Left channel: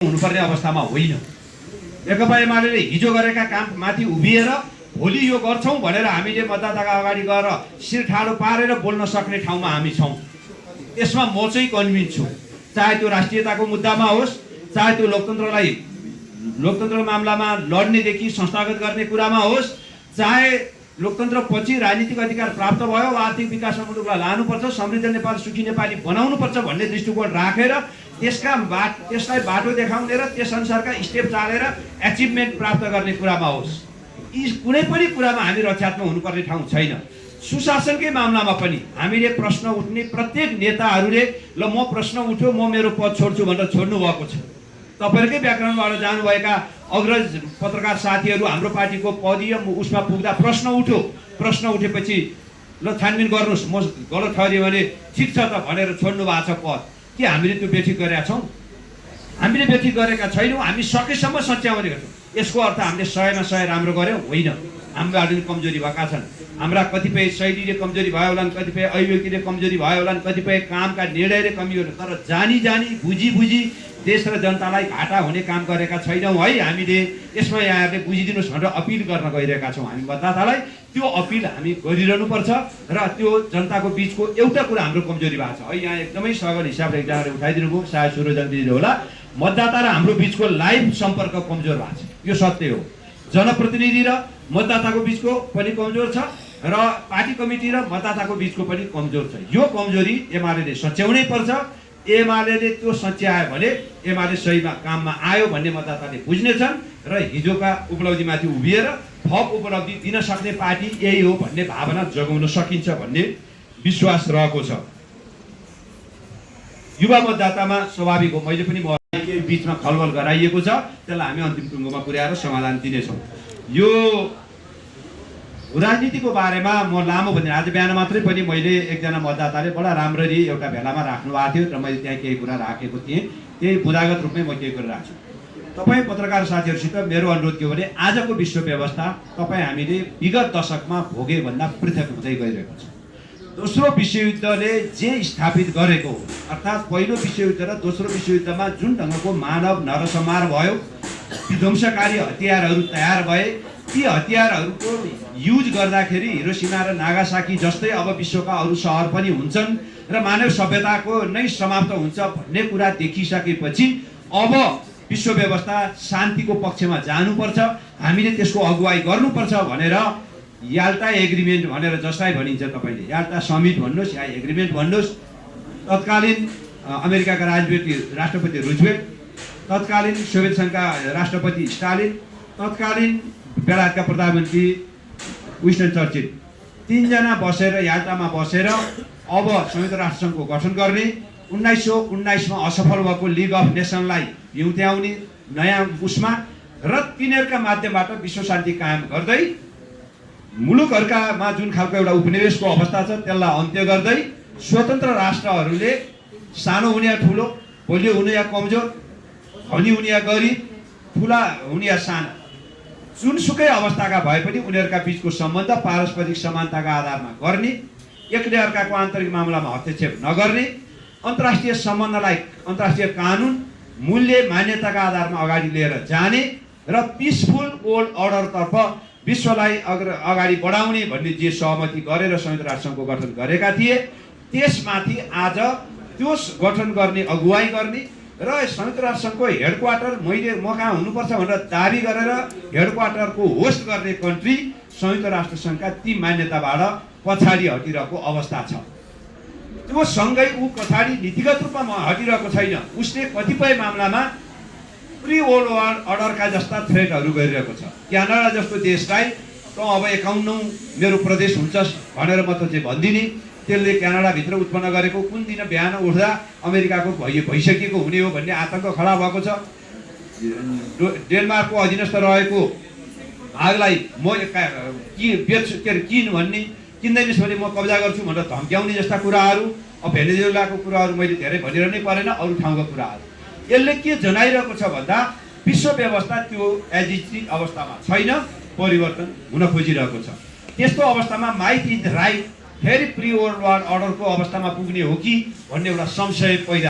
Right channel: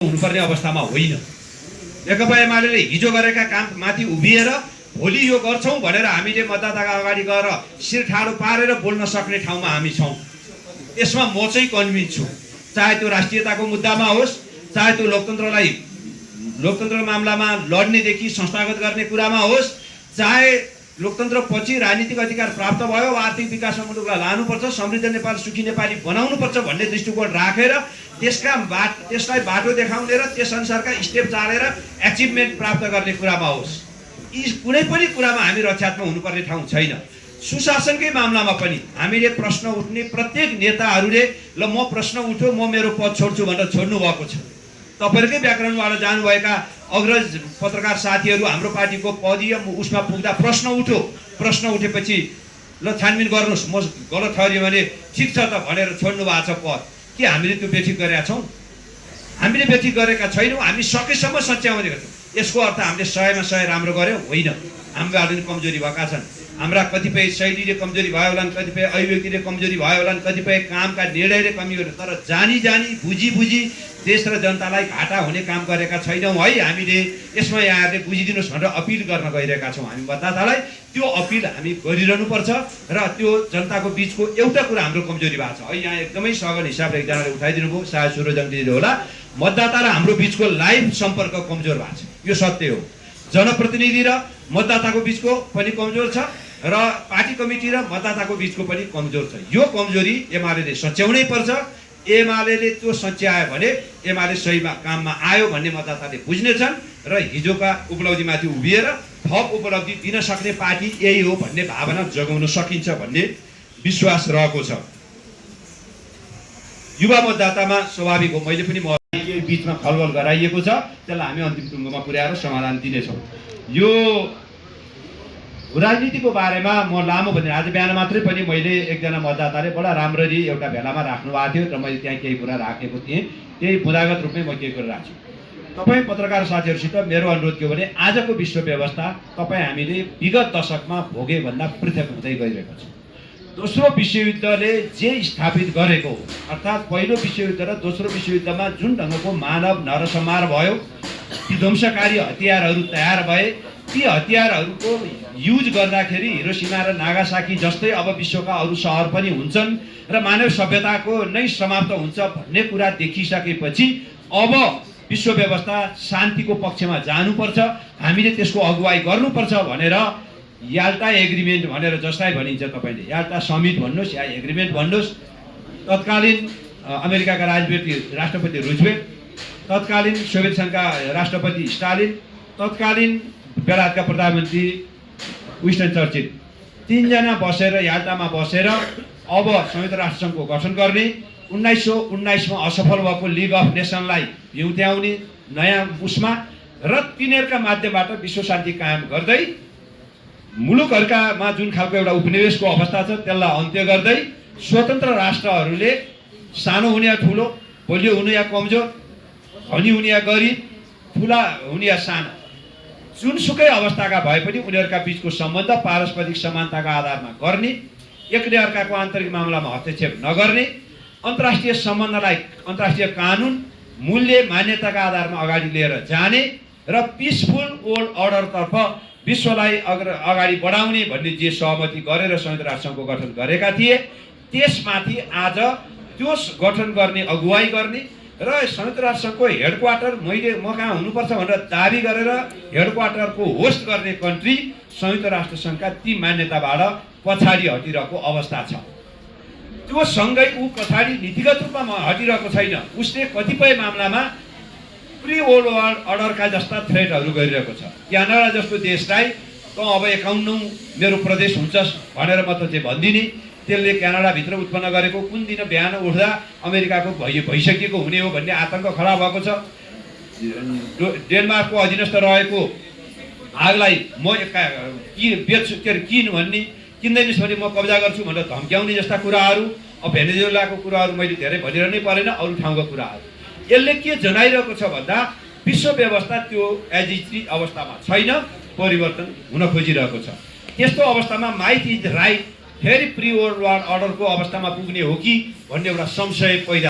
हुनुपर्ने अवस्थामा होइन। नेकपा एमाले हिजो गरेका काम माथि उभिएर भोलि यो गर्छौं भनेर हामीले मतदाताका अगाडि गएर शिर ठाडो पारेर बोल्न सक्ने ठाउँमा हामी छौं। यसमा म चाहिँ कन्भिन्स छु। चाहे त्यो राष्ट्रियताको मुद्दामा होस्, चाहे त्यो लोकतन्त्र मामलामा लड्नेदेखि संस्थागत गर्ने कुरामा होस्, चाहे लोकतन्त्र पछि राजनीतिक अधिकार प्राप्त भयो, आर्थिक विकासमा मुलुकलाई लानुपर्छ, समृद्ध नेपाल, सुखी नेपाली बनाउनुपर्छ भन्ने दृष्टिकोण राखेर त्यसलाई बाटो देखाउने र त्यस अनुसारका स्टेप चालेर एचिभमेन्ट प्राप्त गर्ने कुरामा होस्, यी कुनै पनि कुरामा हामी रक्षात्मक हुनुपर्ने ठाउँ छैन। सुशासनकै मामलामा पनि हामीले प्रश्न उठ्ने प्रत्येक नेताहरूले ल म प्रश्न उठ्यो म मेरो पद छोड्छु भनेर छोड्नु भएको छ। तपाईहरुकै व्याकरणबाट जानुभएका अग्रज पत्रकार साथीहरू हाम्रो पार्टीको पदीय उसमा पुग्दा प्रश्न उठ्यो, प्रश्न उठेपछि ल छानबिन गर्नुस्, म गलत ठहरियो भने ठिक छ त भनेर छोड्नु भएको छ पद। के हामीले त्यो बेठिक गरेका छौं? हामीले बेठिक गरेका छैनौं। हामी सकेसम्म सच्याउने गर्छौं। यसको अर्थ हामीले 100 मा 100 राम्रो गर्यौं होइन। हाम्रा कमजोरी भएका छन्। हाम्रा कतिपय शैलीले कमजोरी भयो होला, कतिपय अभिव्यक्तिले कमजोरी भयो होला, कतिपय कामका निर्णयले कमी गर्यो, तर जानी बुझी देश र जनतालाई घाटा हुने काम गरेका छैनौं है। हामीले यसमा यहाँहरूले बुझिदिनुस् भनेर अपिल गर्न गइरहेका छौं। हामी मतदातालाई त्यो अपिल हामी गरिरहनु पर्छ र त्यो जनताको बीचको एउटा कुरा हाम्रो कमजोरी भएको छ है। यहाँ एकदमै सघन हिसाबले एकजनाले उठाइदिनु भयो, सायद सुरजङ्गीले होला, मतदाता र हाम्रो बीचको लाइभ सम्पर्क कमजोर भएको छ। यो सत्य हो। जनप्रतिनिधि र मतदाताको बीचको पनि कमजोर छ र पार्टी कमिटी र मतदाताको बीचको पनि कमजोर छ। यो कमजोरी एमाले सच्याउनै पर्छ। एमाले त्यो सच्यायो भने एमाले सही काममा आयो भन्ने मतदाताले बुझ्नेछन् र हिजोका उपलब्धिमाथि उभिएर थप उपलब्धि दिन सक्ने पार्टी यही हो भन्ने भावना जगाउन सकिन्छ भन्ने विश्वास रहेको छ। युवा मतदातामा स्वाभाविक हो, मैले पनि यही बीचमा खलबल गराइएको छ, त्यसलाई हामी अन्तिम टुङ्गोमा पुर्याएर समाधान दिनेछौँ। यो राजनीतिको बारेमा म लामो भने आज बिहान मात्रै पनि मैले एकजना मतदाताले बडा राम्ररी एउटा भेलामा राख्नु भएको थियो र मैले त्यहाँ केही कुरा राखेको थिएँ। त्यही बुदागत रूपमै म केही कुरा राख्छु। तपाईँ पत्रकार साथीहरूसित मेरो अनुरोध के हो भने आजको विश्व व्यवस्था तपाईँ हामीले विगत दशकमा भोगे भन्दा पृथक हुँदै गइरहेको छ। दोस्रो विश्वयुद्धले जे स्थापित गरेको, अर्थात् पहिलो विश्वयुद्ध र दोस्रो विश्वयुद्धमा जुन ढङ्गको मानव नरसंहार भयो, विध्वंसकारी हतियारहरू तयार भए, ती हतियारहरूको युज गर्दाखेरि हिरोसिमा र नागासाकी जस्तै अब विश्वका अरू सहर पनि हुन्छन् र मानव सभ्यताको नै समाप्त हुन्छ भन्ने कुरा देखिसकेपछि अब विश्व व्यवस्था शान्तिको पक्षमा जानुपर्छ, हामीले त्यसको अगुवाई गर्नुपर्छ भनेर याल्टा एग्रिमेन्ट भनेर जसलाई भनिन्छ, तपाईँले याल्टा समिट भन्नुहोस् या एग्रिमेन्ट भन्नुहोस्, तत्कालीन अमेरिकाका राष्ट्रपति रुजवेल्ट, तत्कालीन सोभियत संघका राष्ट्रपति स्टालिन, तत्कालीन बेलायतका प्रधानमन्त्री विन्स्टन चर्चिल, तीनजना बसेर याल्टामा बसेर अब संयुक्त राष्ट्रसङ्घको गठन गर्ने, 1919 मा असफल भएको लिग अफ नेसनलाई भ्युत्याउने नयाँ उसमा र तिनीहरूका माध्यमबाट विश्व शान्ति कायम गर्दै मुलुकहरूकामा जुन खालको एउटा उपनिवेशको अवस्था छ त्यसलाई अन्त्य गर्दै स्वतन्त्र राष्ट्रहरूले सानो हुने या ठुलो, बलियो हुने या कमजोर, धनी हुने या गरिब, ठुला हुने या साना, जुनसुकै अवस्थाका भए पनि उनीहरूका बीचको सम्बन्ध पारस्परिक समानताका आधारमा गर्ने, एकले अर्काको आन्तरिक मामलामा हस्तक्षेप नगर्ने, अन्तर्राष्ट्रिय सम्बन्धलाई अन्तर्राष्ट्रिय कानुन मूल्य मान्यताका आधारमा अगाडि लिएर जाने र पिसफुल वर्ल्ड अर्डरतर्फ विश्वलाई अगाडि बढाउने भन्ने जे सहमति गरेर संयुक्त राष्ट्रसङ्घको गठन गरेका थिए, त्यसमाथि आज त्यो गठन गर्ने अगुवाई गर्ने र संयुक्त राष्ट्रसङ्घको हेडक्वार्टर म कहाँ हुनुपर्छ भनेर दाबी गरेर हेडक्वार्टरको होस्ट गर्ने कन्ट्री संयुक्त राष्ट्रसङ्घका ती मान्यताबाट पछाडि हटिरहेको अवस्था छ। त्यो सँगै ऊ पछाडि नीतिगत रूपमा हटिरहेको छैन, उसले कतिपय मामलामा प्री वर्ल्ड अर्डरका जस्ता थ्रेटहरू गरिरहेको छ। क्यानाडा जस्तो देशलाई त अब 51औं मेरो प्रदेश हुन्छस् भनेर म त चाहिँ भन्दिने, त्यसले क्यानाडाभित्र उत्पन्न गरेको कुन दिन बिहान उठ्दा अमेरिकाको भइसकेको हुने हो भन्ने आतंक खडा भएको छ। डेनमार्कको अधीनस्थ रहेको भागलाई म बेच्छु किन भन्ने, किन्दैनस् भने म कब्जा गर्छु भनेर धम्क्याउने जस्ता कुराहरू, अब भेनेजुएलाको कुराहरू मैले धेरै भनिरहनै परेन, अरू ठाउँका कुराहरू। यसले के जनाइरहेको छ भन्दा विश्व व्यवस्था त्यो एज इज अवस्थामा छैन, परिवर्तन हुन खोजिरहेको छ। त्यस्तो अवस्थामा माइट इज राइट फेरि प्री वर्ल्ड अर्डरको अवस्थामा पुग्ने हो कि भन्ने एउटा संशय पैदा